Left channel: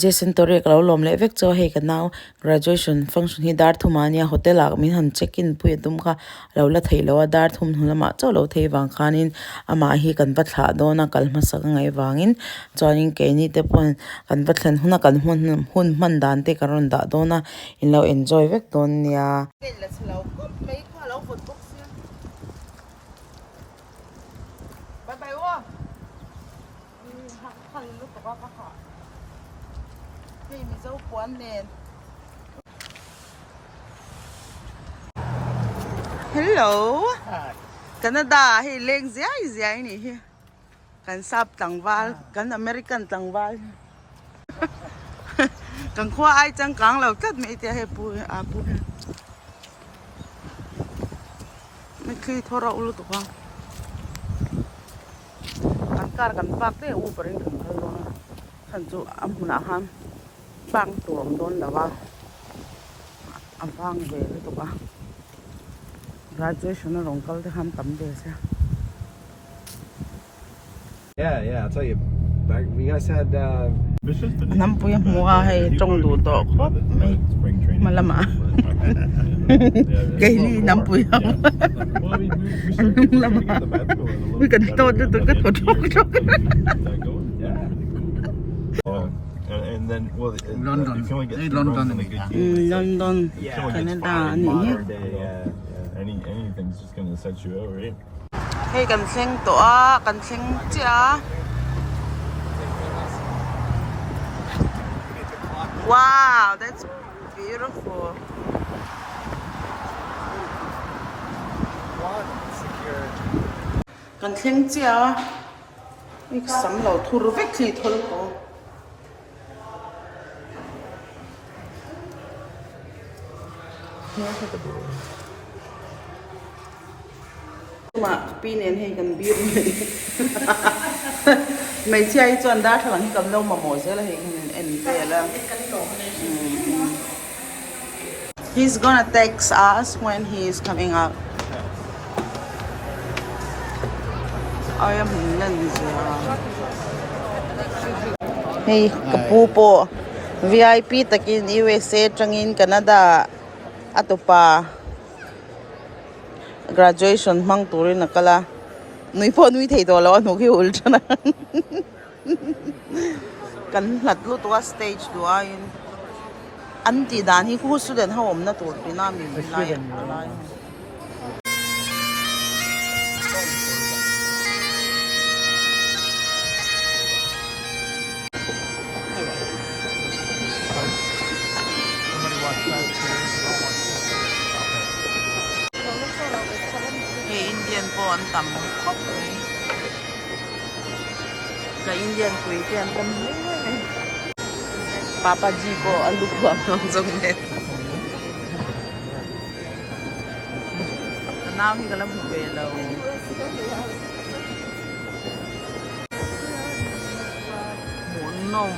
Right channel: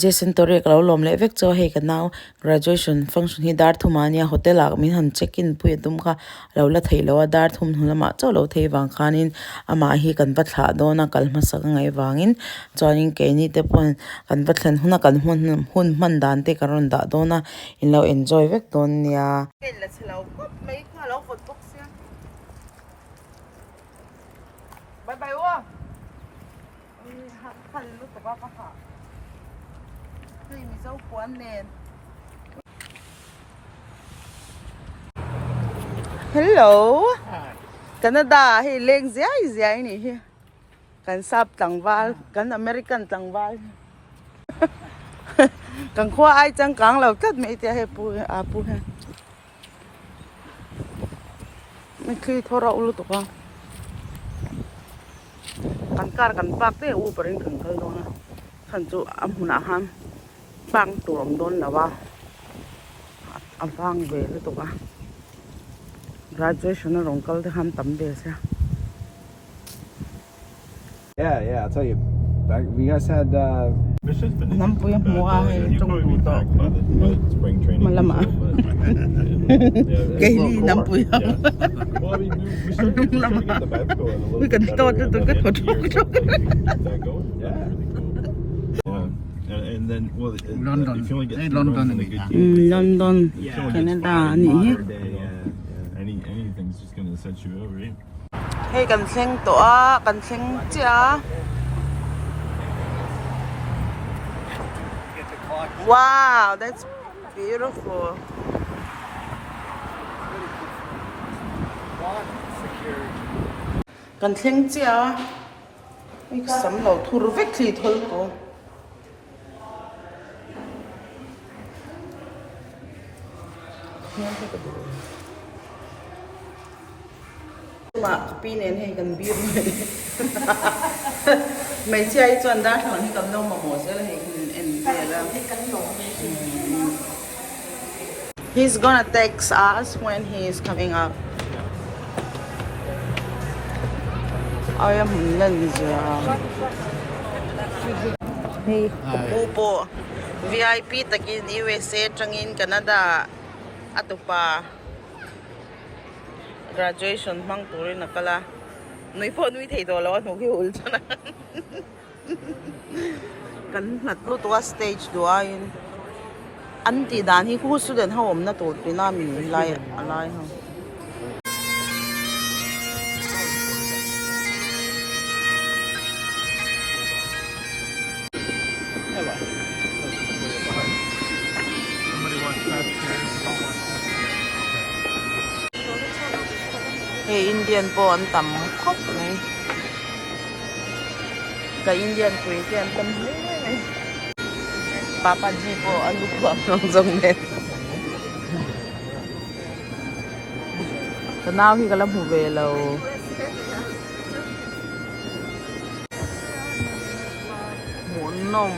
Jason Torek lo lom le vek cho he ka now graduation function hi dar thumania hotel ak min han check in pui tum kha lo la thailo dar thum hunama cho lo thei wang khanin ama hi kan va thla do na kal ma sak ngai wangin choning ke ni te pon kan va thlen huna kan hun man dan te karon da do na in lo enjoy vek don nia la chelo kop mai kha lo fot box ya bye bye wa han lu to ka kha mi dâu quán nền. Hello. Canada hi leng zai ni hi. Kan sap tangwal, kan American tangwal. Kan khoa ai chang kang lo tat me tia he pu a pu he. Me khi thora ulu to ka. Kan kar kan pak te u paring kan kal do na. Kan chu amhuna ham. Bang tuam don lawa avang ve le to ka graduation na rongkal de ham tam de sa yeah I'll tell you back we guys had nam pu yang wa hai trong du to ko malama cái ni nam pu yang lama kan to to ka and then well London, London, London, Canada, ni. Anything's just gonna set you out, right? Hey, kan seng to a, kan seng chia. Wow, that's beautiful. Kan seng chia. Ik sam lo thur vek thi thol ko. Mà pin này thì cần pin mấy chơi chọn đa thằng cầm đâu mà mổ sẽ là hình ảnh về là he's gonna text us when he is coming out. I am Lindsay. Hey, kapupo VIP takin USA trangin Canada atopa graduation mang turin nakala nui po nui thei to lo nu ki ul chana kan natlu to stage do ain anti dan hi khu student ha om na tur pina mi lai alai ha Hey, Indian po ang tam khóc này. Cái Indian quỷ thì anh tâm lấy này. Papa G po ang lukuang ng zong net. Tanaw hi kalam hubelo. Munom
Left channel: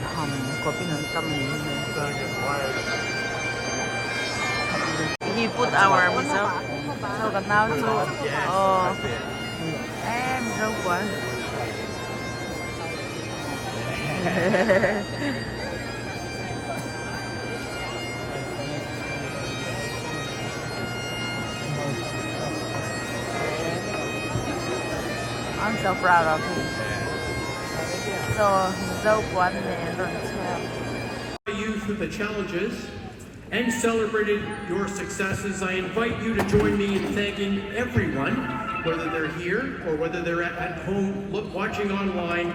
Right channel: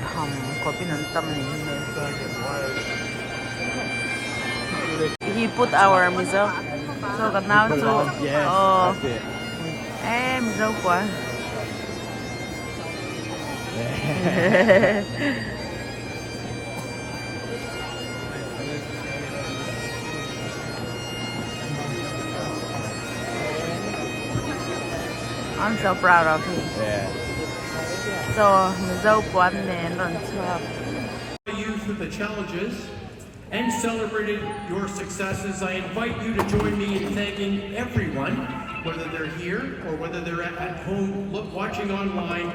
tham ko pinantam ni. He put our miso. So gần nào chú em dâu quá I'm so proud of him. So dâu quá nè lần sau. You through the challenges and celebrated your successes. I invite you to join me in thanking everyone, whether they're here or whether they're at home watching online.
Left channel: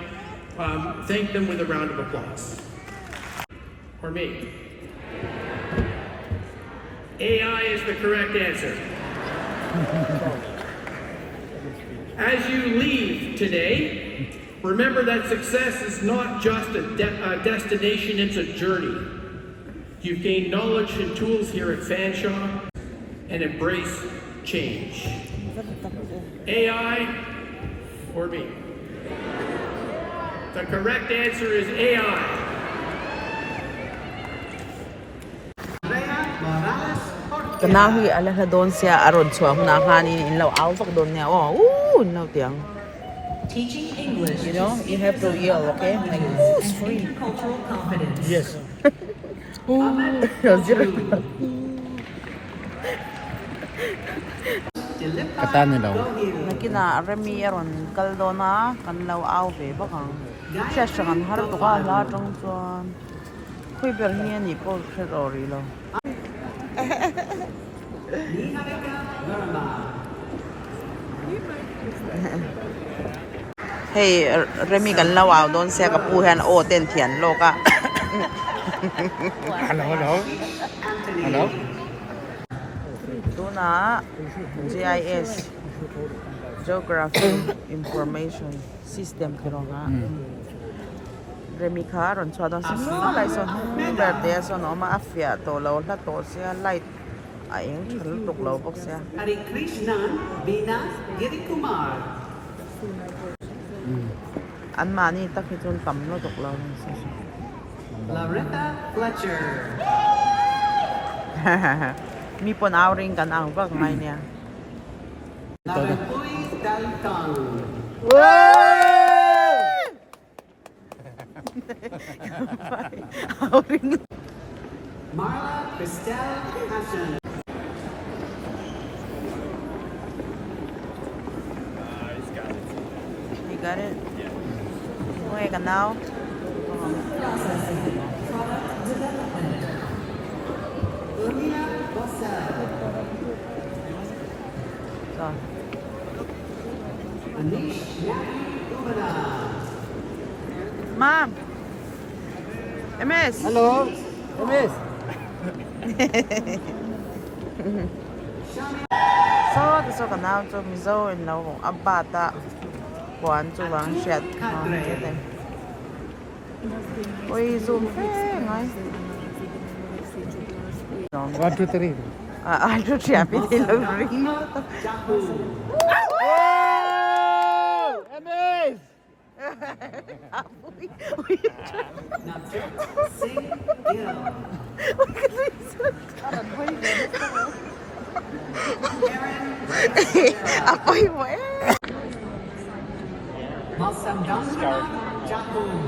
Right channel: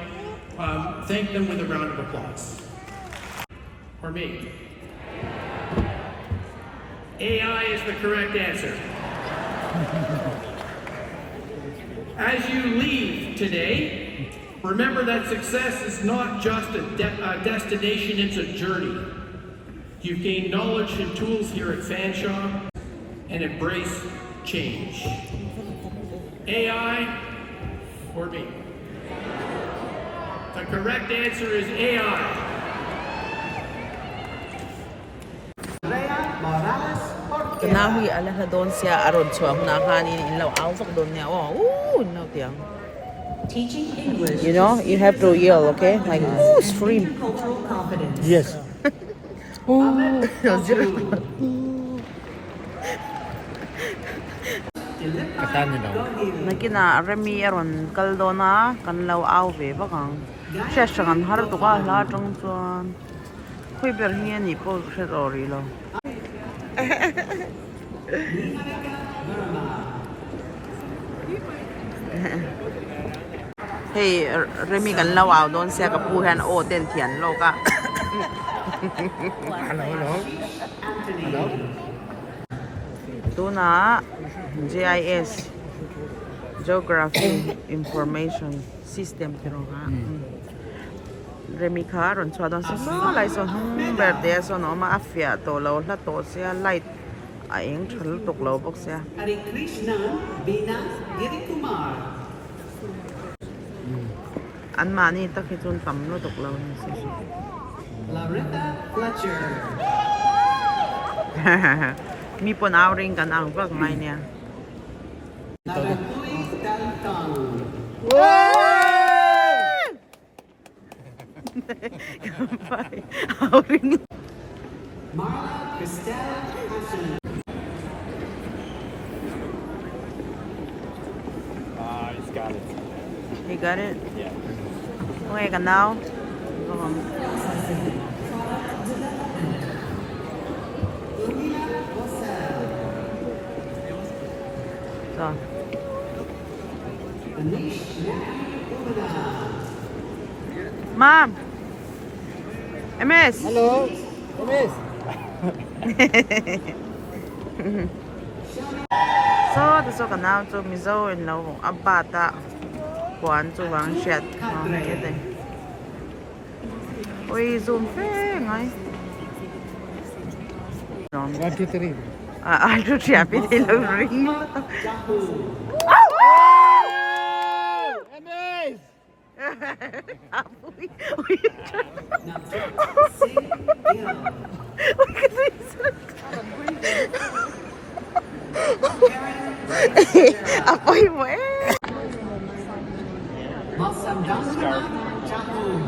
Thank them with a round of applause. Or me. AI is the correct answer. As you leave today, remember that success is not just a destination, it's a journey. You've gained knowledge and tools here at Fanshawe and embrace change. AI or me? The correct answer is AI. Now he ala don siya aron chuam na kanin in law out of don na oh no tiang Teaching English. You know, you have to yell, okay? Like, it's free. Cultural confidence. Yes. Katanya daw. Nakina remi aron kaldona kanlaw auve bakang session har to ka la tong chuan khui ber hi ni po serori lo hey remi kanlaw au don se ka pu han o ten thian lo ka Hello. tu na GIS Geography Information System pero ha remi kha ron chwa don so lai so birthday so no ma afia to lo la to sia light a eng thal tok lo bok sia Hare Krishna, Veena Girikumar. an ma ni ta khi chun tam lo tok lo ni so Loretta Fletcher. mi pon outing kan ang bak ngai nia Narapui Daltong. outing Marla Christelle Hassan. you got it okay kan now so Mom MS Hello. Miss. so kan now so mi zo in lo abata kwan chu wang shet ke te oi zoom fe ngai 1, 2, 3. ai chu chia pi te lo ring Miss. apoy mo eh Masamdasana Chhung.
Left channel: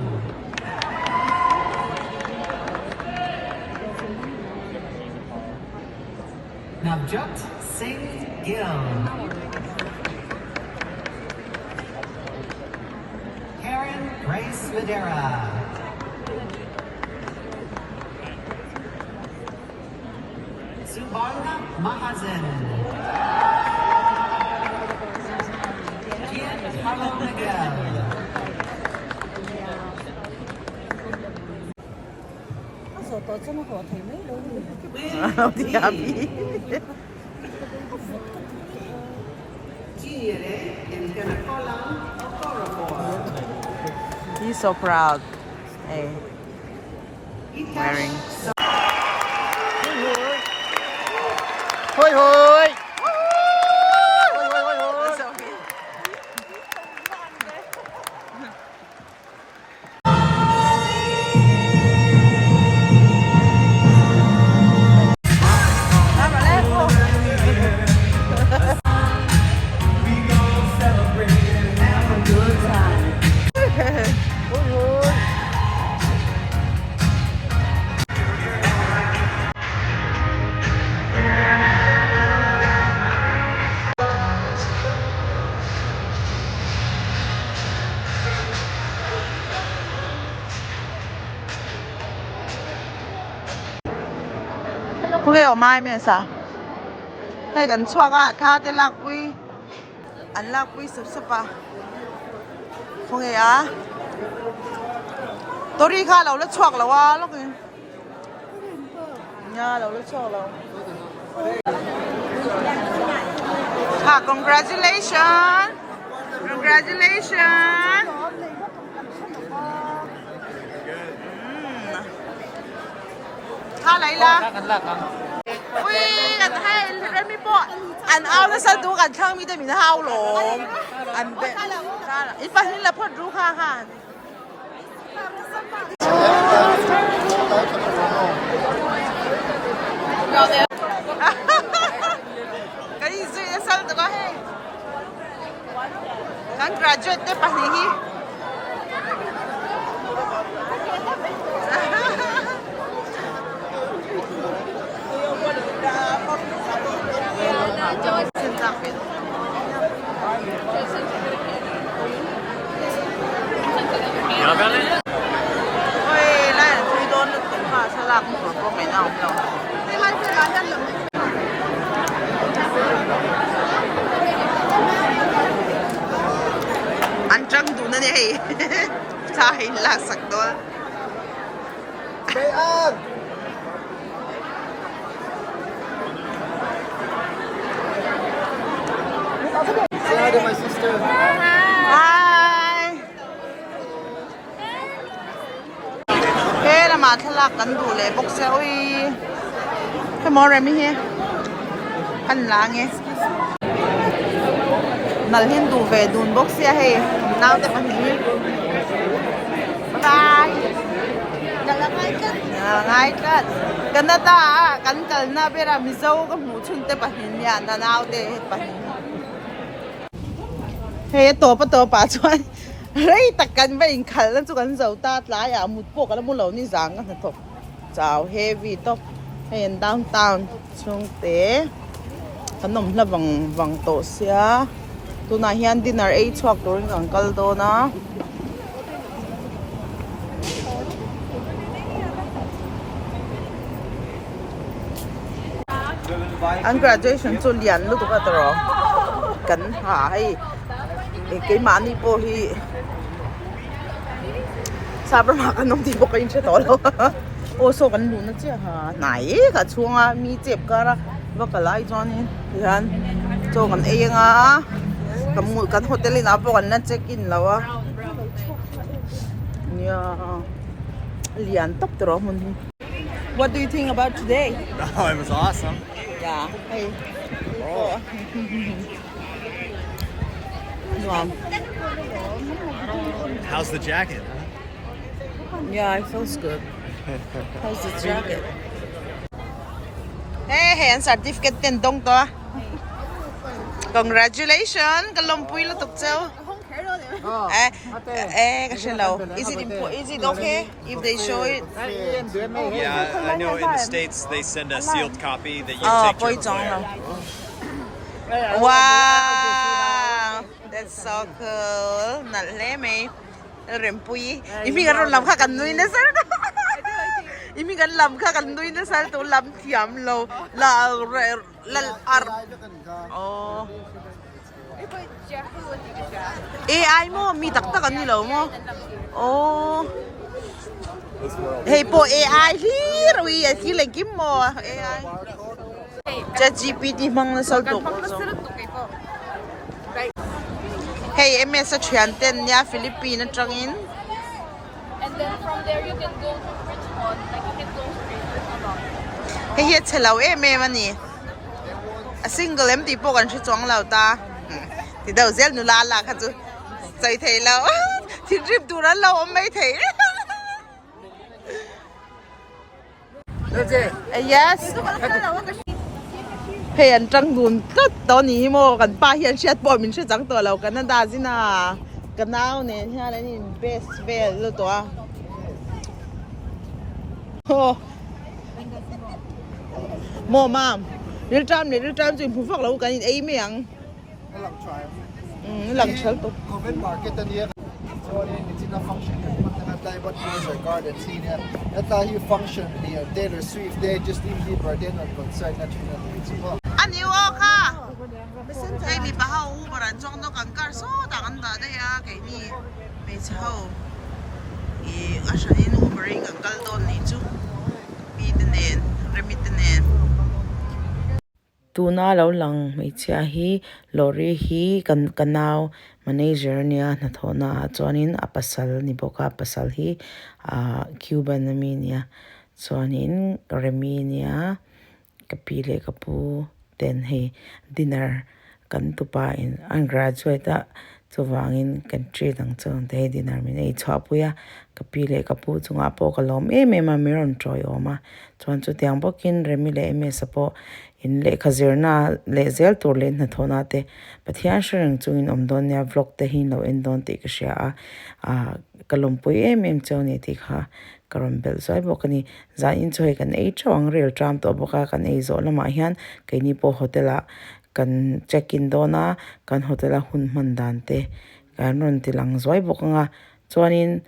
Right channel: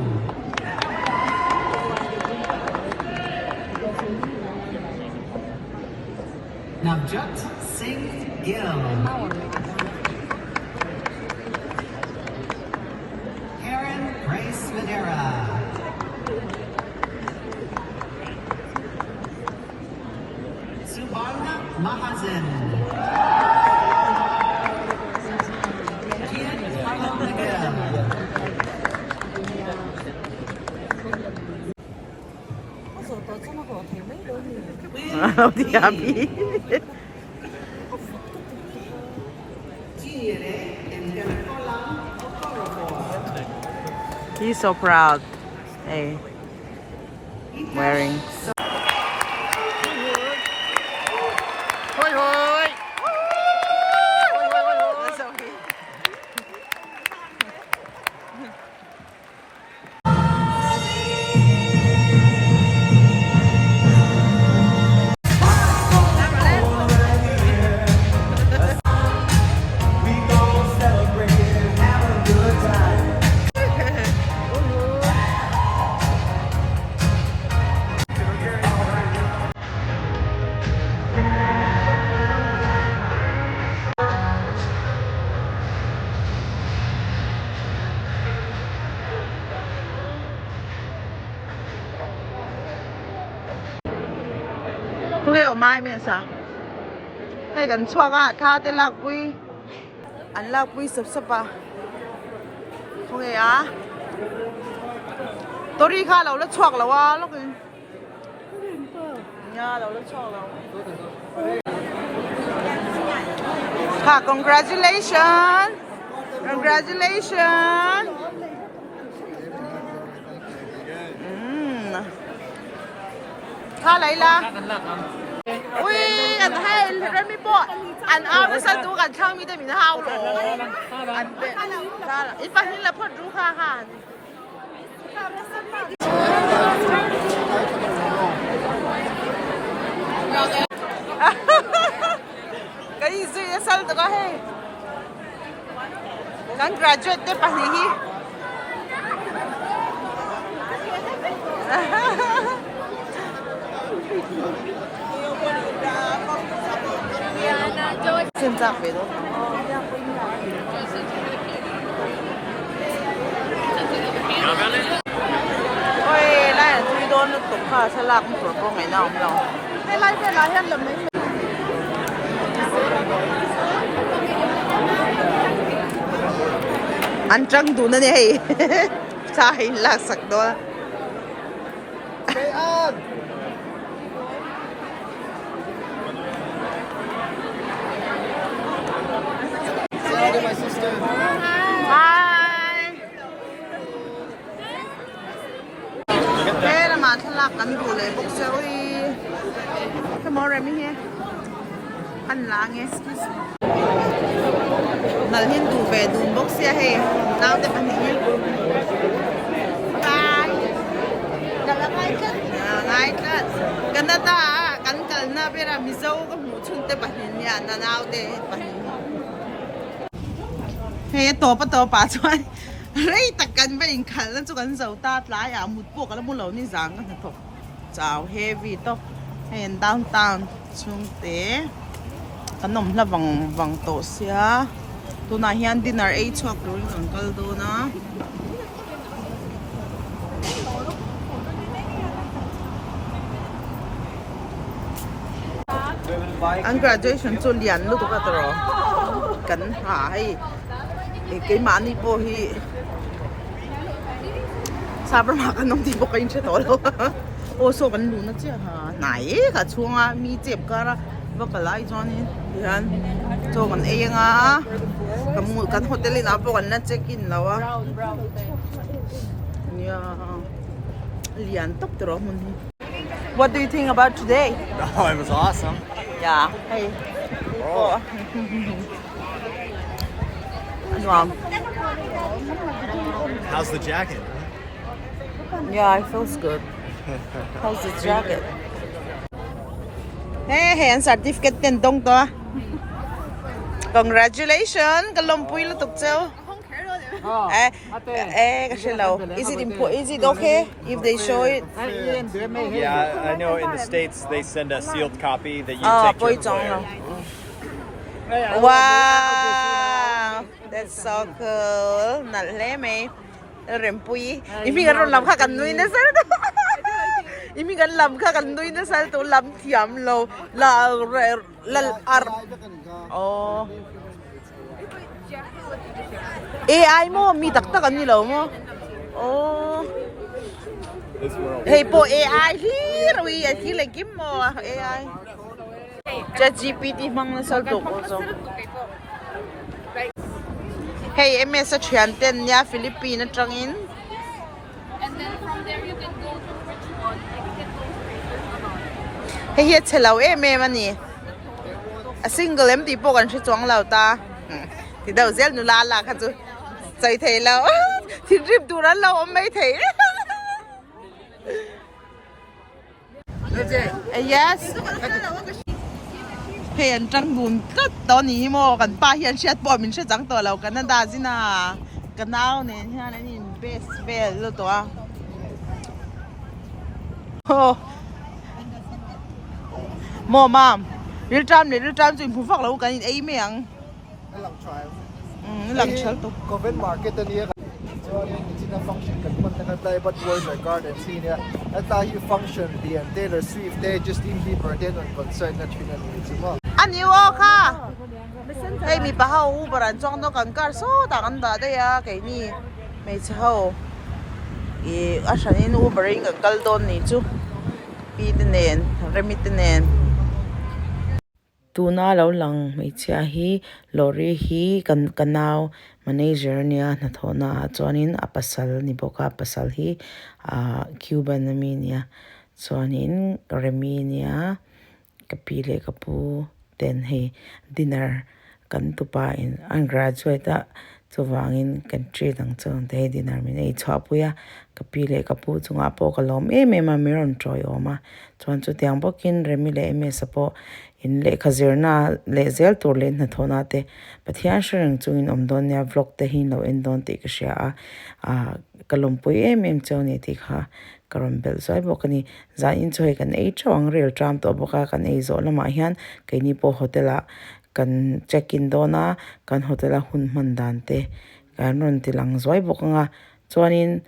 Navjot Singh Gill. Karen Grace Madera. Subarna Mahajan. Kian Carlo Miguel. đi happy he's so proud hey wearing Hoi hoi. That's okay. Không hiểu mai mình sao? Hay cần xoa cả khá tên lạc quy. Anh lạc quy sập sập à? Không hiểu à? Tôi đi khá lâu lết xoạc lâu à lúc này. Nha lâu lết xoạc lâu. Ha, congratulations! Congratulations! Ha lấy la. Ui, anh hay lên mi bộ. Anh ao nó sao đủ anh chăng mi để mình hao lồng. Anh bé. Ra là ít phát hiện là phật rú ha ha. Cái gì vậy sao tụi có hay? Congratulations. graduate te pani hi Xin chào về đâu ôi lại là thui đôn tổng pha sa lạc của cô ngày nào không đâu anh trăng đủ nữa này sai lạc sặc đó Say hi to my sister. Hi. Thế là mà thằng lạc cắn đủ lệ bốc xe ôi cái món này mình nghe ăn lá nghe nãy lên đủ về đun bốc xe hay nào để ăn gì đó là ngay cất gần đó ta cắn cắn na bây giờ mình dâu cái mũ chun để bán nhà đó nào để bán hey tổ pa chuan rei takkan ba in khal lan chu kan zo ta tla ya mut po kala mu lo ni zang kan thok chao heavy to hey downtown chung te kanom la wang to sia tu na hian dinner ei chuak turin uncle do na an graduation chu lian lu tu ka tro kan ha hai cái màn đi po hi sao mà cái nông thì bộ cái chuyện đó đâu ô số cái lúa nó chứ ha này cái chuông à mi chép cả ra và cái lại cho nên hiện cho cái ấy à cái hotel nào bộ cái nó check in lâu à nha liền tóc rồi mình What do you think about today? Oh, it was awesome. Yeah. Hey. Oh. Wow. How's the jacket? Yeah, it feels good. How's the jacket? Hey, certificate ten dong to. Congratulations, kalom pui lo tuk cheu. Kasi low. Is it okay if they show it? Yeah, I know in the States they send a sealed copy that you Oh, take poi to chong lo. employer. Wow, that's so cool. Nat le me. Rem pui. Imi kan lam kha kan nui na sir. Imi kan lam kha kan nui na sir to lam thiam lo la ar. Oh. AI mo mi tak tak ni lo mo. Oh. Hey po AI hi roi hi le kim mo AI. ChatGPT mang na sal to ko so. Hey, MS sa Trianten ya Philippines trangin. And then from there you can go to Richmond, like you can go to Richmond. Hey, here chelaw mani. A single empty po kan si chuang law ta. Thì đầu zel nu la la kha chu. Chai thei law. Thì rip tu ran law mai thei. That's it. Yes. Hey, anh trăng đun tất đó ní mo kan pa hian siat po min se chang to law Canada zina. Kanao ne nya la ni best vel lo to a. Oh. Mo mam. Real time chu phu phak lo kan in ei meang. Lang chal to. Comment market niya. So it's in a function kan punta na tayo but Royal Garden senior. At tayo function biyan Taylor Swift they Justin Bieber then on concert na tuna ni. Anh yêu ka. Hey, mi pa hau baran chong no kan kar so ta kan da da ya kai ni. Mai chau. I ashanin Ubering kan kal don ni chu. Pi tenen, remit tenen. Tuna lo lang mai chia hi lorry hi kan kanau manager nia na thona chuanin apasal ni boka pasal hi Cuban mi nia chuanin remi nia kapile kapu ten he dinner kan tupa in an graduate chu wangin kan tri dang chon te dinner min ei chwa puya ka pi le ka pu chunga po ka lom ma miron troi oma chuan chu tiang bokin remi le me sapo in le khazirna le zel tur le na thona te pathian shreng chungin omdon ya vlog te hin lo en don te ka sha a kalom pui choni ti kha karon bel zoi bokani za in choi kan ei chawang rel tram to boka kan ei zo lama hian kaini po hotela kan check in dona kan hotela hun man dan te kan ron ti lang zoi bokanga chuanin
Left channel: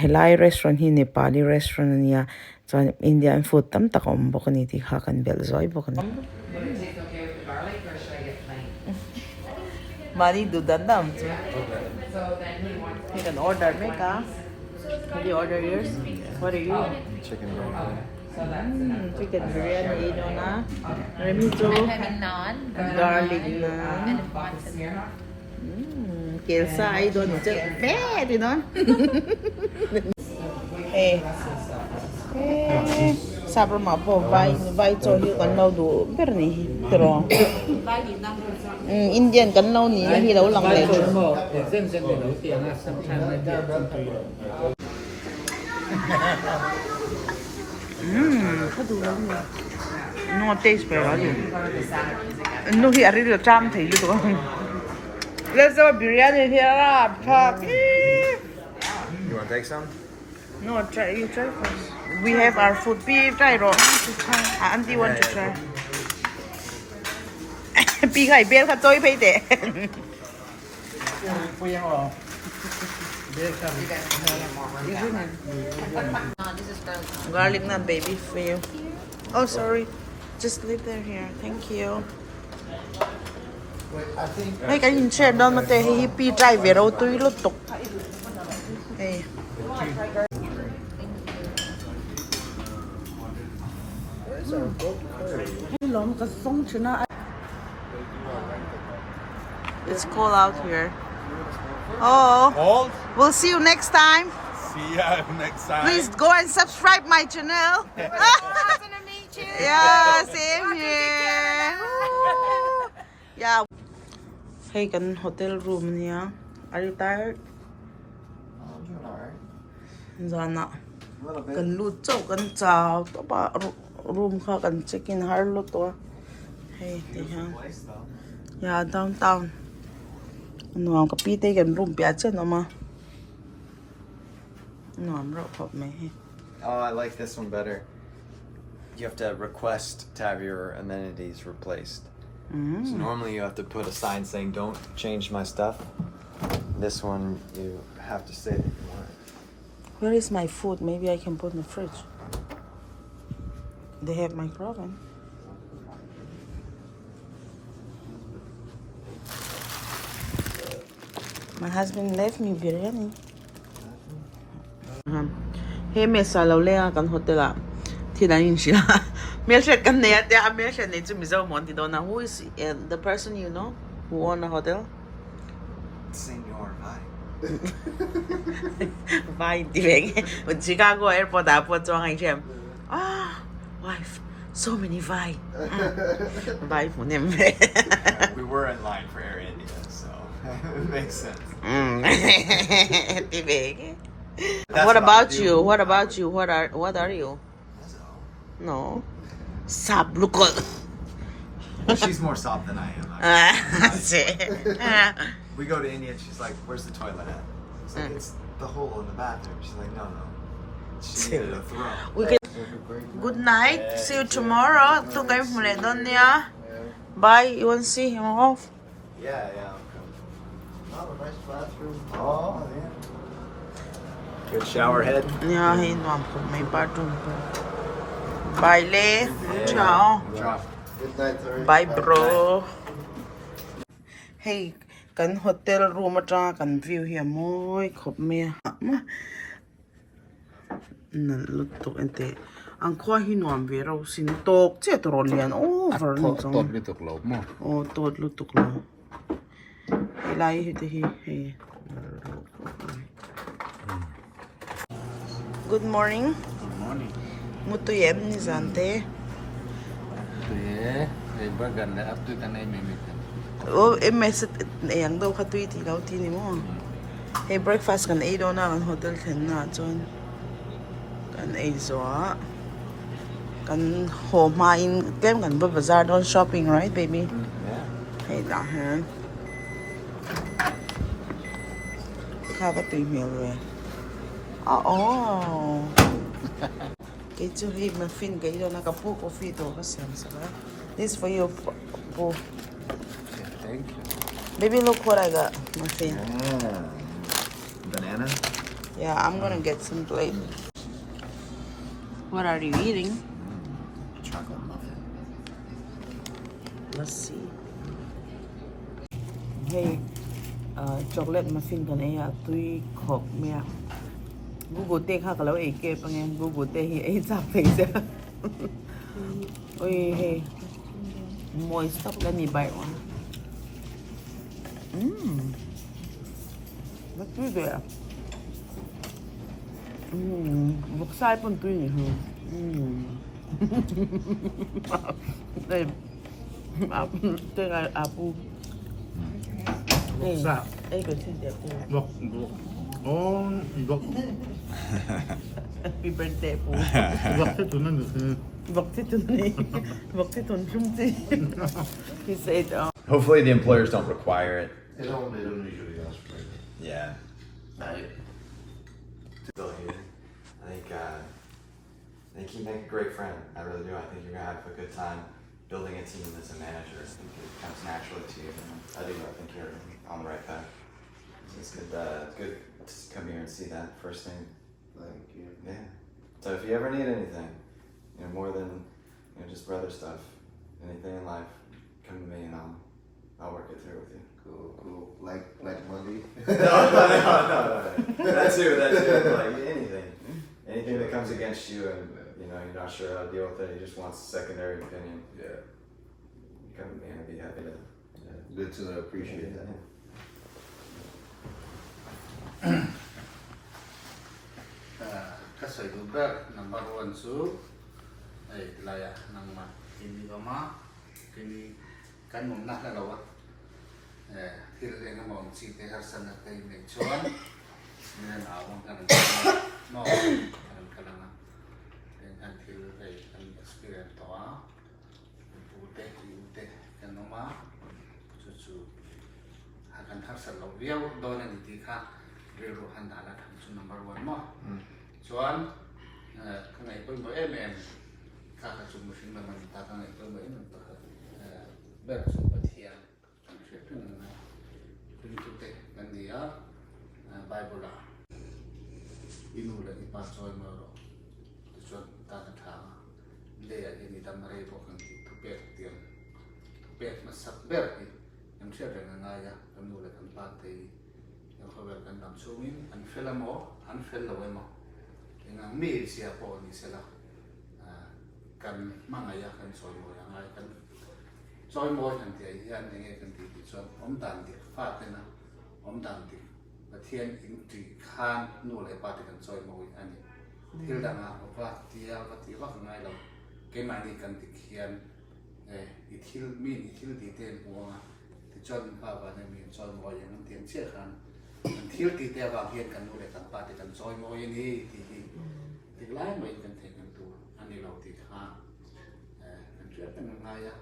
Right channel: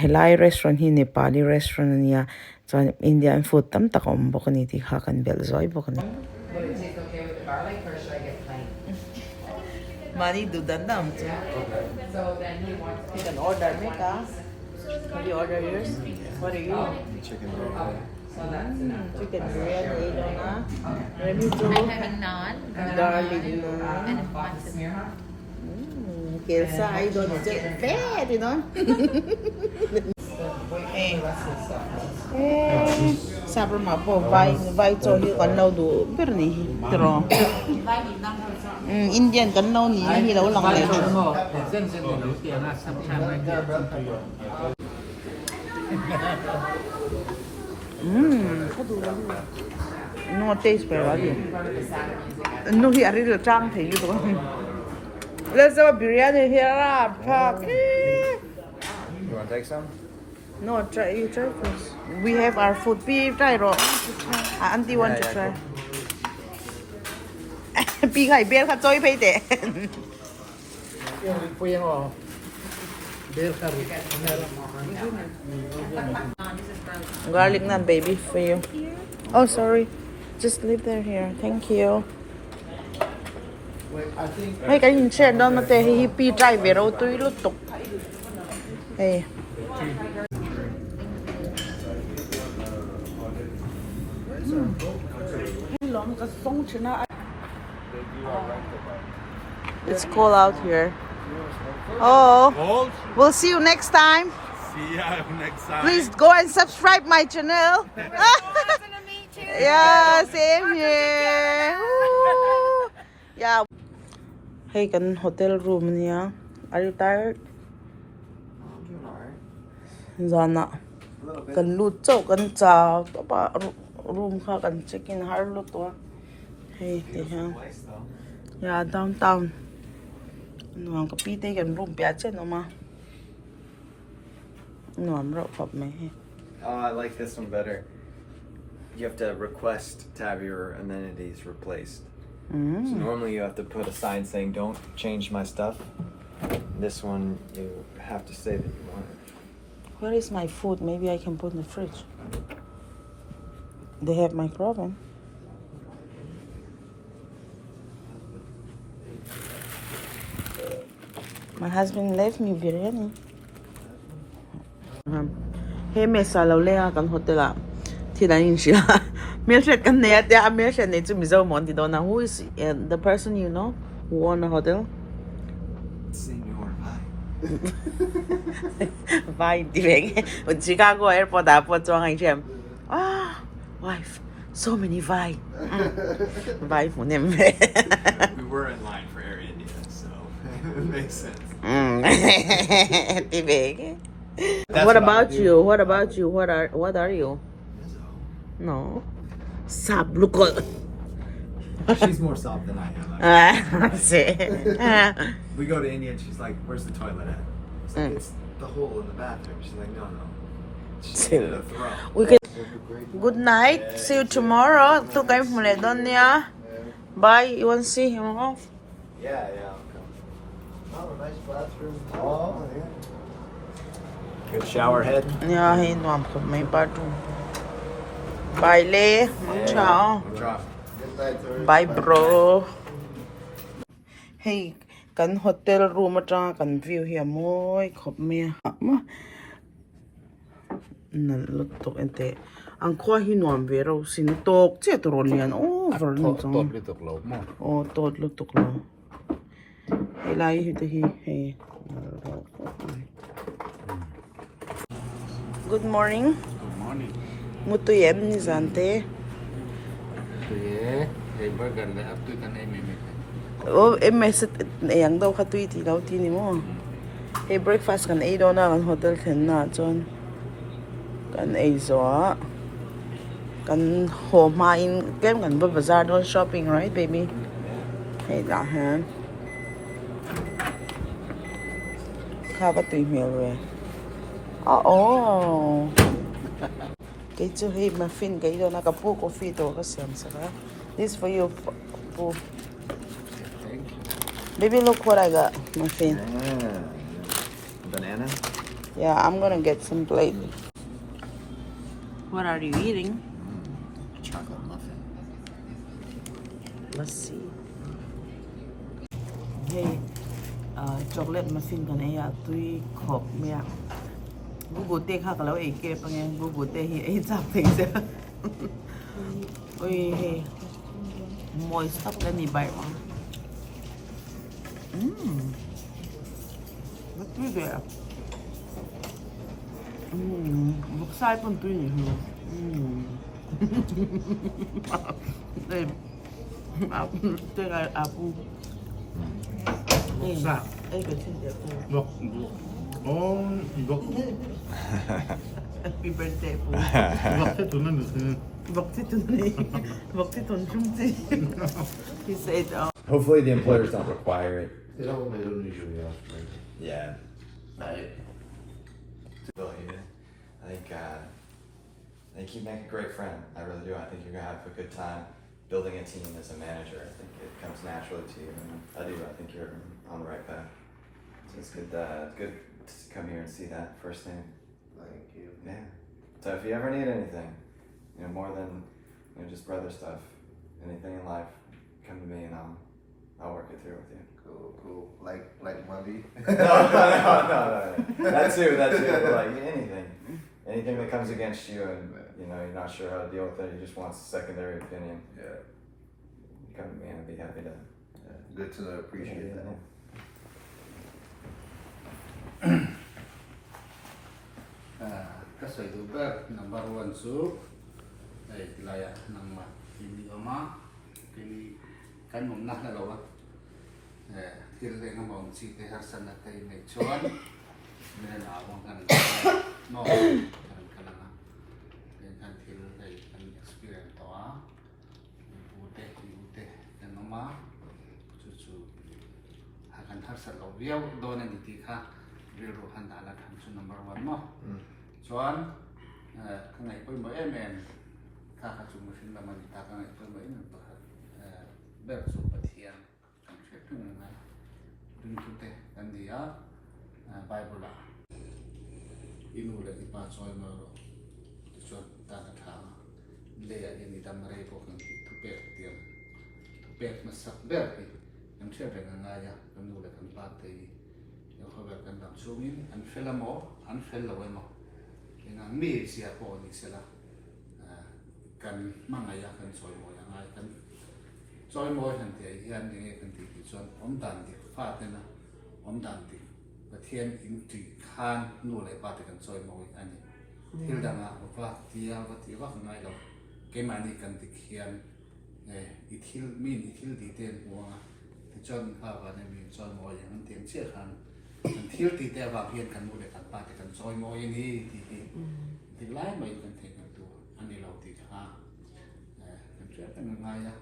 helai restaurant hi Nepali restaurant ania chuan Indian food tam tak om bokani ti kha kan bel zoi bokani mari du dandam chu you can order make Can you order yours? What are you? Chicken biryani. Chicken biryani na. Remi chu. Garlic na. Kelsa, I don't just bad, you know. Hey. Sabar ma po vai cho hi kan lau du ber ni tro. Indian kan lau ni hi lau lang le chu. No taste better. No, he already the cham thai lu to. Let's have a biryani here. Fuck. You want to take some? No, try. You try first. We have our food. Pi try ro. Auntie want to try. Pi khai bel kha choi phei te. Garlic naan, baby, for you. Oh, sorry. Just leave there here. Thank you. Hey, cái nhìn xem đó mà tê hi pi trai về đâu tôi lút tục. Hey. It's cold out here. Oh, Cold? we'll see you next time. See ya next time. Please go and subscribe my channel. Yeah, same here. Woo. Yeah. Hey, kan hotel room niya. Are you tired? Zana. Kan lut chow kan chow. Tapa room ka kan check in har lut to. Hey, te ha. Yeah, downtown. Ano ang kapite kan room pia chen ama. No, I'm rock up me. Oh, I like this one better. You have to request to have your amenities replaced. So normally you have to put a sign saying don't change my stuff. This one you have to say that you want it. Where is my food? Maybe I can put in the fridge. They have microwave. My husband left me biryani. Hey, me salo le kan hotel thì đã nhìn chị mình sẽ cái này thì mình sẽ này chúng mình giàu món thì đó là who is the person you know who own a hotel? Senor Vai đi về ở Chicago airport airport cho anh xem wife so many vai vai phụ nem về We were in line for Air India, so it makes sense. đi về. What about you? What about you? What are you? No. Sab look. She's more soft than I am. We go to India and she's like, "Where's the toilet at?" It's like, "It's the hole in the bathroom." She's like, "No, no." She's like, "The throw." We can. Good night. See you tomorrow. Tu kayo muli doon niya. Bye. You want to see him off? Yeah, yeah. Oh, nice bathroom. Oh, yeah. Good shower head. Yeah, he nuam ko may bathroom. Bye, Le. Ciao. Good night, sir. Bye, bro. Hey, kan hotel room ata kan view here moi khop me. Nan lutok ente. Ang kwa hi nuam ve ro sin tok che to lian over ni chong. Tot lutok lo mo. Oh, tot lutok lo. Ilai hi te hi hey. Good morning. Good morning. Mutuyem ni Zante. Yeah, they burger na up to tanay minute. em mẹ sẽ yang đâu khát tùy thì đâu thì ni mo hey breakfast kan ấy đó na kan hotel then na chon kan ấy zo kan home ma in kem kan bazaar don shopping right baby hey la han kha ba tùy mèo rồi oh cái chỗ hey muffin cái đó na kapu coffee to ka siam saka this for you po baby look what I got muffin Banana? yeah I'm gonna get some plate what are you eating Chocolate muffin. let's see hey chocolate muffin kan ai tui khop mea Google te kha kalau ai ke pange Google te hi ai chap thei se oi hey moist up kan ni bai wa nó tui de bốc sai pun tui ni hu đây tôi là apu đây đây cái gì đẹp Look, oh, look. happy birthday pu Look, thế tụi nó được. bọc cái tuần chung chi he said Hopefully the employers don't require it. They don't usually ask for it. Yeah. Still here. I think you make a great friend. I really do. I think you're gonna have a good time building a team as a manager. I think it comes naturally to you. And I do. I think you're on the right path. So it's good. Good to come here and see that first thing. Thank you. Yeah. So if you ever need anything, more than just brother stuff, anything in life, come to me and I'll work it through with you. Cool. Like money. No. That too. Like anything that comes against you, and you're not sure how to deal with it. You just want a secondary opinion. Yeah. Come to me, and I'd be happy to. Good to know. Appreciate that. Kasih tu ber number one su, layak nama ini oma, kini kan mumnah na gawat. Kira na mau si teh hasan na kay mechuan, sini mau kan no kan na, dan kira kay kan experience toa, putih kan oma, cucu akan hasan lo biau dona di tika, biru handala su number one mo. Chuan ngay pun bo em kha chu mu fin man ta ka ngay pun bo em ber chu pathian chu se pun na pun tu te kan dia bible la inu la ipa choi ma ro chuan ta ka tha le ya ni dam rei bo kan tu pe tian tu pe ma sak ber ni yang se re na ya kan nu la kan pa te yang kho ber kan dam chu min an fel mo an fel lo mo nang mi sia po ni sela kan mangaya kan soi mo yang ai kan soi mo han ti yan nge kan ti chon om dan ti fa te na om dan ti pathian in ti khan nu le pa te kan soi mo an thil da na pa ti ya wa ti wa ngai lo ke ma ni kan ti khian i thil mi ni thil ti ten po ti chon ha wa na mi soi mo yang tian che khan thiếu thì theo vào hiện cần mua để cần ba thì cần soi môi như thì lái mình cần thấy cần tu anh đi lâu thì ha cần chuyện cần ngay á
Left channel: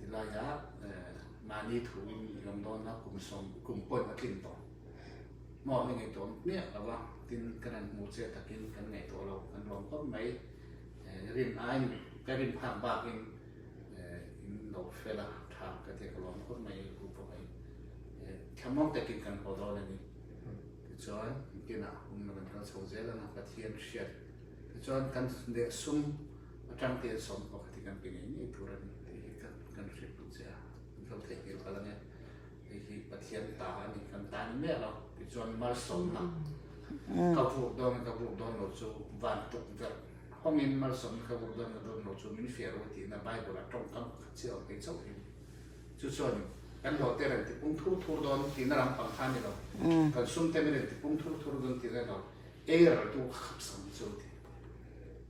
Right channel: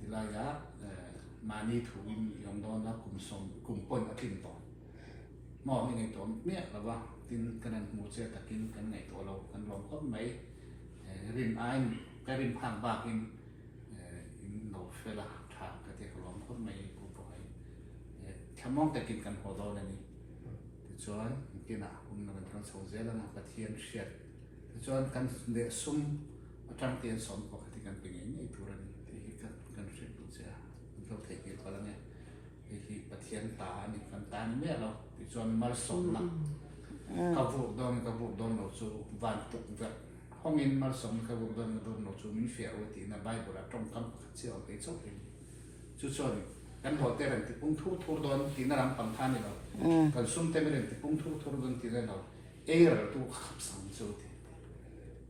thì là giá mà đi thủ dòng đó nó cùng sống cùng bôi vào kinh tổ mò những ngày tổ miệng là vâng tin cái này một xe thật kinh cái này tổ lâu cần lòng có mấy riêng anh cái riêng hàng bạc in đầu phê là thảo cái thì có lòng có mấy cụ tổ ấy chăm mong tại kinh cần hồ đó này cho cái nào cũng là mình sầu dễ là nó phát hiện sệt cho cần để sum trong tiền sống của thì cần bình yên như thường thì cần sệt cũng sẽ không thể hiểu cái này thì phát hiện ta này cần ta như thế nào thì cho mà sống mà các vụ đòn nó số vạn tục vật không nên mà sống các vụ đòn nó số mình phải ở thì là bài của là trong các chiều cái số thì chú cho kan ho te ren ti pung thu don ti na ram pang khan ni lo kan sum te ren ti pung thu don ti ren lo e ra tu khap sam chu ti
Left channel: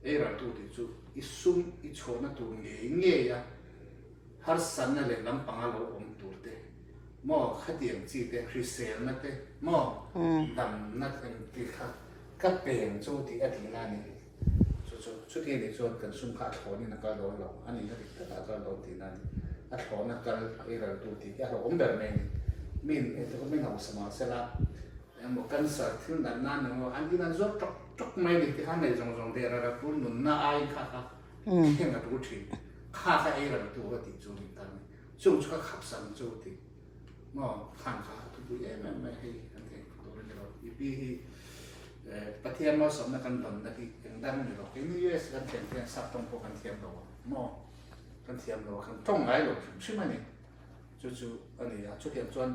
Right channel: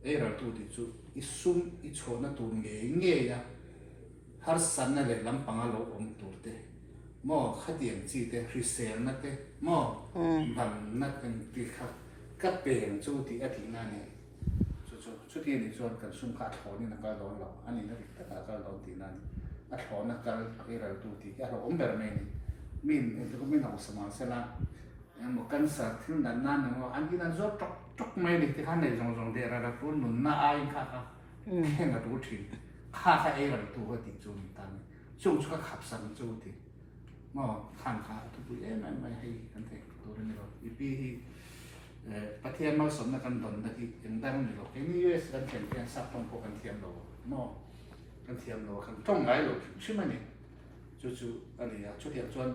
e ra tu ti chu i sum i chona tu nge ya har san na le lam pang lo om tu te หม้อข้าวเตียงจีเตคือเซลนักเตหม้อดำนักกันตีค่ะก็เปลี่ยนช่วงที่อาทิตย์หน้านี้ชุดที่ในส่วนของซุ้มขาถอนนี่นักการร้อยหลอกอันนี้นักการร้อยตีนั้นอัดถอนนักการไอ้เราดูที่เราองค์แบบนี้มินไอ้ที่เขาไม่เอาสมาเสนาหมกกันสัตว์ที่นั่นนั่นเราอันที่นั่นจดจุกไม่ดีที่ข้างในจงเดียร์เราพูดหนุนหน้าไอ้ข้าเห็นมาดูทีข้าไอ้เราตัวติดจูนี่ตั้งช่วงก็ขับสันจูติหม้อข้างขาทุกอย่างไม่ให้กันเถอะตัวนี้เราอีพีประเทศเราสมนักกันดนนักที่ยังดังนี่เราเห็นยูเอสกันเทียมเทียมสับต้องพวกกันเทียมเราหม้อกันเทียมเราข้างตรงไหนเราใช่ไหมเนี่ยจู่ๆอันนี้อะชุดเทียมส่วน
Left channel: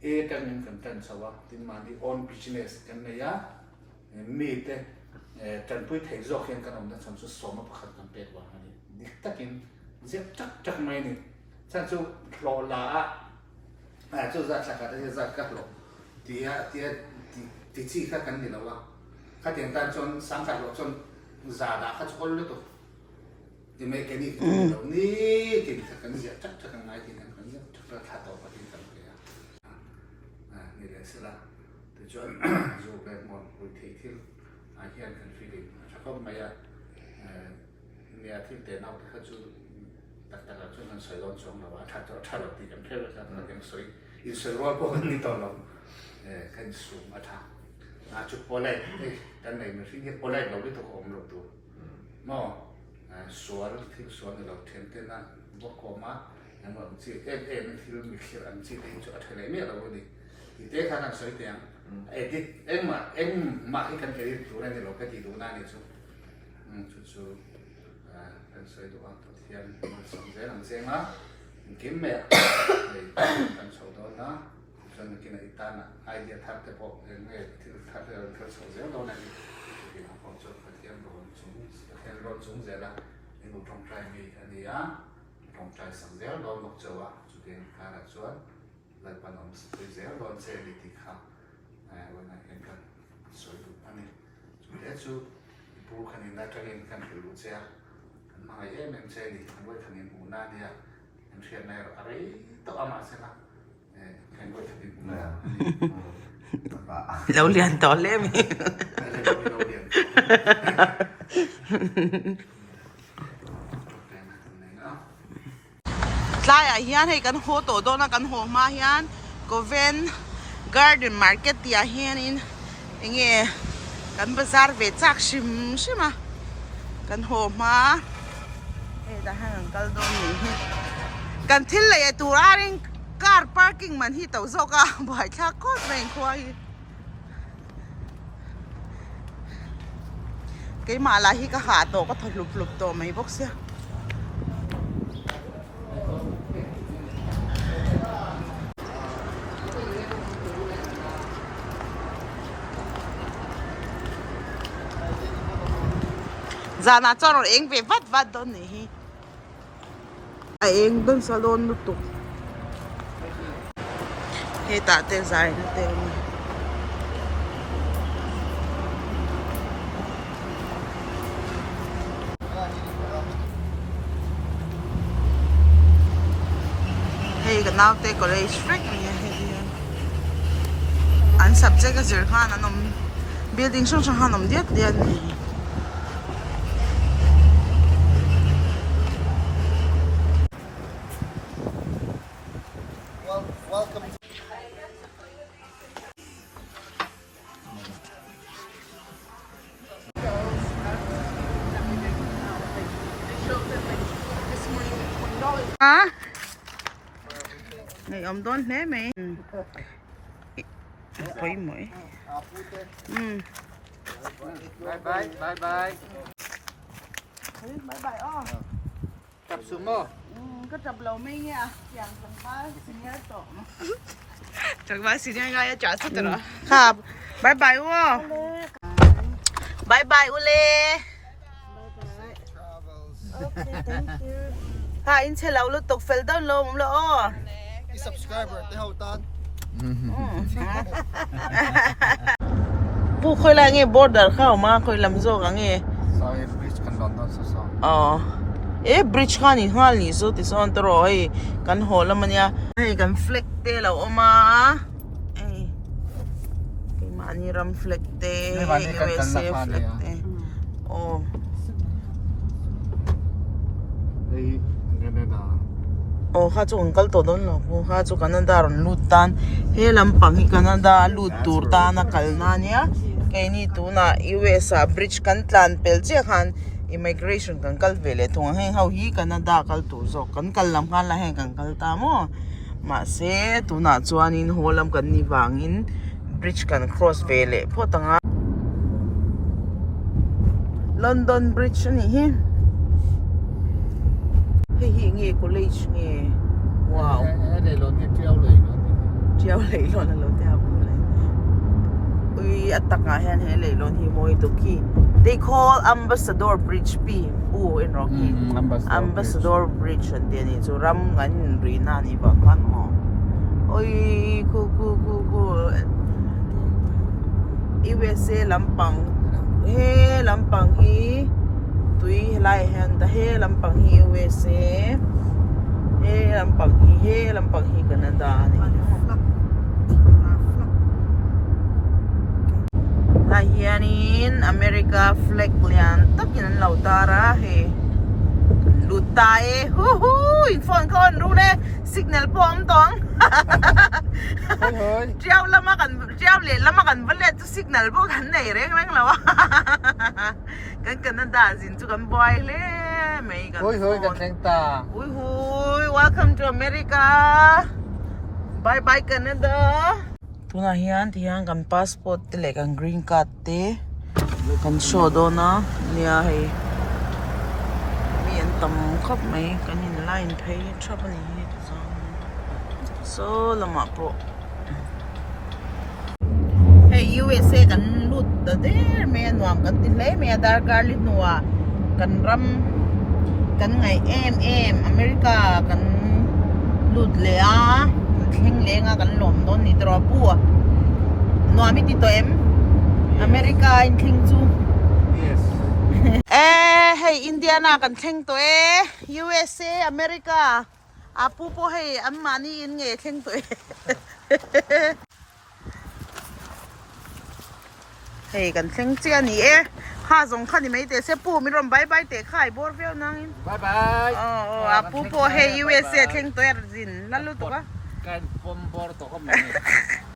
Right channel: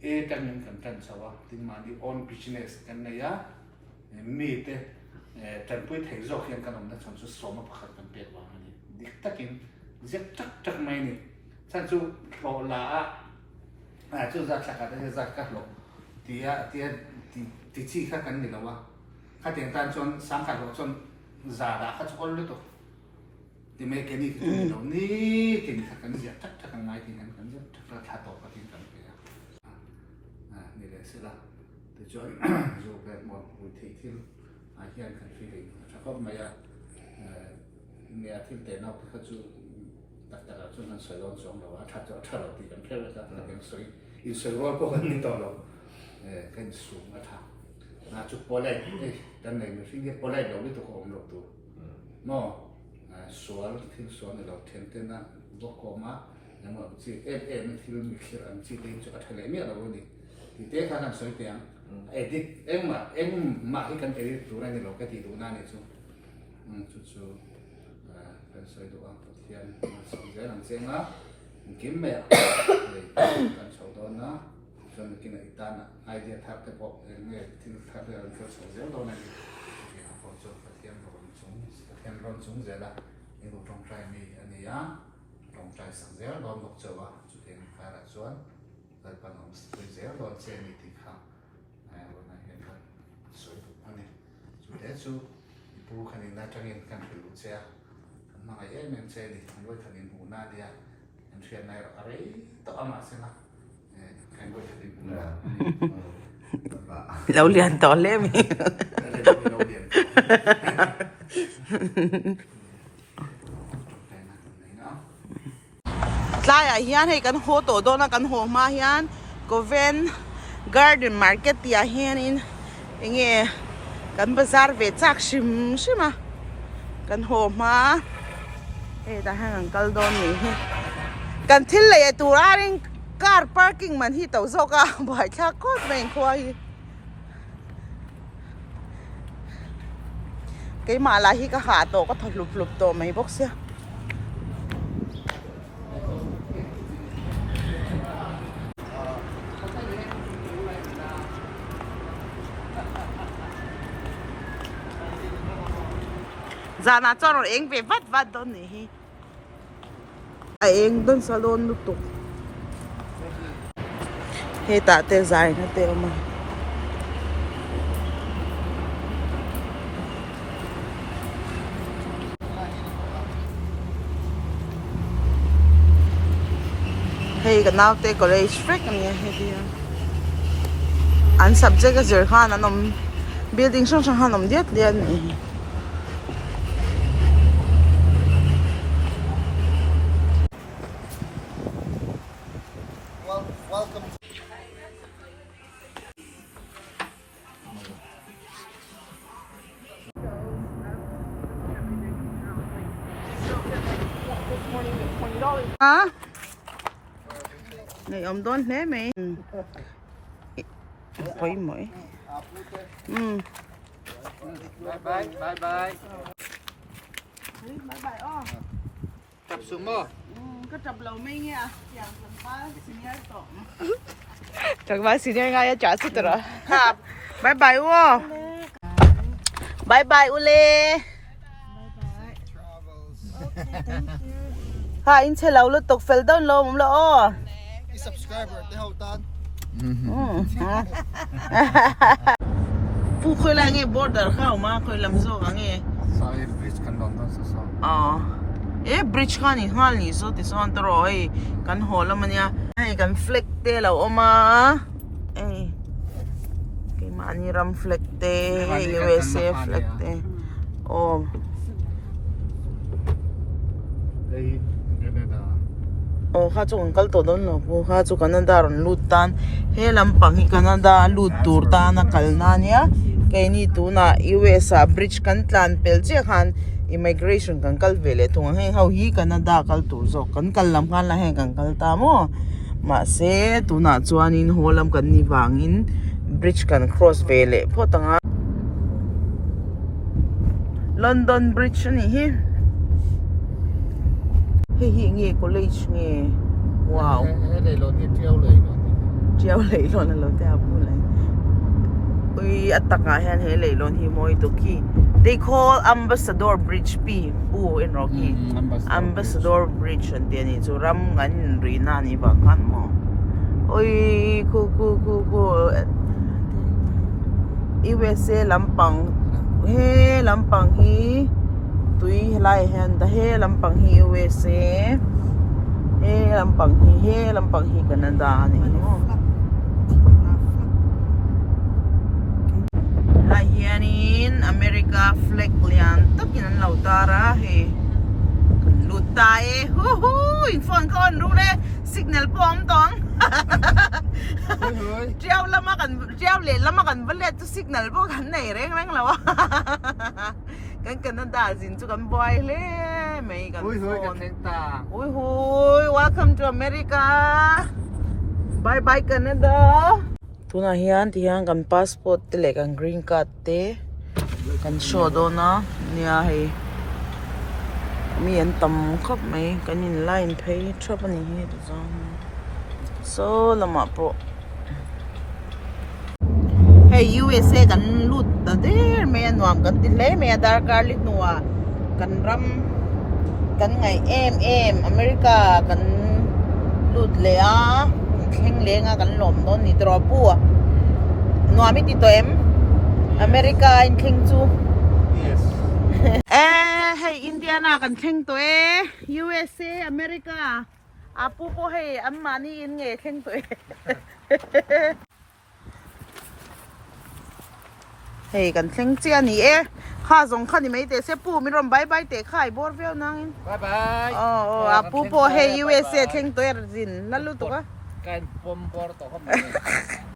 เอกันกันสวะที่มาที่ on business กันเนี่ยยะมีแต่จันพุ้ยเทจอกยังกันอมนักสันสุดสมมาพักกันเป็ดว่าอันนี้ดิกตะกินเจ็บจักไม่นี่สันสุดรอลาจู่จะสักการะจะกันหรอกที่ชี้ข้ากันนี่นะว่าข้าเตียงการจนสังกัดหลอกจนซาดาข้าจะคนรู้ตัวที่ไม่แค่นี้นี่แค่นี้ข้ากันเจ็บจักกันไม่ที่นั่นกันเจ็บจักระทัดต่อไปที่กันไปนี่เดี๋ยวเสร็จละแต่จนอยู่แบบมองดูที่อาเฮียนกันฟีลิ่งชักก็ไม่อะเนี่ยที่เตนเอาที่เขาจูตัดจนนั้นสวยร้อนสองเราว่าถ้าเราตีกันเพื่อจะเราเป็นสวยอินสวยร้อนพวกนี้ต่อเราขึ้นสูงอาถรรพ์จุดโพล่ด้านในมันสิ่งที่โพล่เราไม่ต้องอมเราตัวหม้อสวนที่สวนเราเทียนเต้นนั้นบวกมาอย่างว่าสิ่งมันที่เรามีเขียนสิ่งที่จุดอะไรเนี่ยเราดีที่เด็กข้างสวยเตียงที่มาที่กันตัวนั้นเราก็ที่ตัวนั้นนี่จุดกันสวยตัวเทียนมันสวยหลังเสียงนะกินแม่กันสวยตัวนะจนกินไอ้ตาน่ะไอเดียทับแต่พอเนี่ยที่ทับเราก็สวยเยอะตัวนั้นที่ผมชอบเทียนร้อนสูงเสียละนี่ผมต้องใจมีอันนี้อ่ะต้องใจสังเกตร้อนบอกเจ้าว่าจุดเด่นการะชวนแล้วปนมสวยเสียร้อนเสียนิติข้าววันนั้นเห็นกันสวยทุกวันนี้จุดเด่นสุดผู้คนนี้น่าจะเห็นกันผิวเสียมาไอ้เมื่อเช้านี้ทั้งวันทั้งนี้หูหน้าเนี่ยมันเทียนในอะไรต้องเอามาเสียละเราเรียนต่อเล่มใช่เฮียนให้กันโหตัวโดนกันโหมาเฮียนก็เวนการ์เดนมาร์เก็ตที่เฮียนินเงี้ยกันบาซาร์เวชักชิมใช่ไหมกันโหมาแต่ให้กันโดนนี่กันที่เลยตัวอะไรcar parking man hi to zoka bai kha kot men khoi cái mà là hi ka ha to ka thlup lup to mai box ya zana chon eng ve vat don ni hi eng don salon lu tu hey ta te dài như thế mà hey cái nào te college freak anh nhé hey đi anh subject cái gì khác anh building xong xong anh điếc điếc này Welcome. hả ngày ông đón thế mày quay mỗi Bye bye. Bye bye. bye bye ô Chập xuống mơ. có chập lầu mấy nghe chẳng lần ba xin nhớ tổ chẳng ba xin nhớ ngay trả sức rồi ha bye bye ô bye bye ule ha in sẽ lâu lúc tục phải down lâu lo ô Subscriber để hậu tan. phụ khơi lại nghe border khao mà khơi làm gì nghe Sorry, please can London so. bridge khan in hal ni so ti son to ro hei kan hol amania hei kan flag te lo oma ke mani ram flag te USA flag te oh oh kha chu uncle to don lo bu kha chu Canada ron lut tan he lampang hi Canada lut tur ta na kalna nia ke ni tu na USA bridge kan tlan pel che khan immigration kan kal vele thung he hau hi Canada kal tu zo kan kal lam khan la he kan kal ta mo ma se tu na chuanin holam kan ni wangin bridge kan cross vele photanga London Bridge ni hi hi nghe college nghe wow để luôn cái treo lấy nó treo lấy luôn là luôn theo bu lấy ui ataka hen he lấy luôn hi moi to ki they call Ambassador Bridge P in Rocky Ambassador Bridge and then it's ram ngan ri na ni ba kan mo ui ku USA lampang hi tui lai hen da he lampang hi USA he lampang hi Canada ni la hianin America flag lian takin an lautara he lutae hu in phone kon ru le signal pom tong treo lama kan vale tu signal bo kan nei reng lawa kan Canada zin chu kan boy le mai kan welcome to America bye bye Canada tuna hian kan passport te le kan green card te kan show do na nia hei ni an tam khop mai kan in line phei trouble ni so lama po hey USA kan lut da der me nuam kan tin le me da kar lit nuwa kan ram kan ngai America kan lut le a thing le nga kan lom don ni tro pu nuami ti to America in thing chu yes hey India na kan thing to USA America apu po hey amani in nge thing to hey kan thing chia ni kha zong kha ni mai te se pu mi rom bye bye te khai bor veo nang bye bye apu po hey USA thing to zin lalu to ka kan pom bor to ka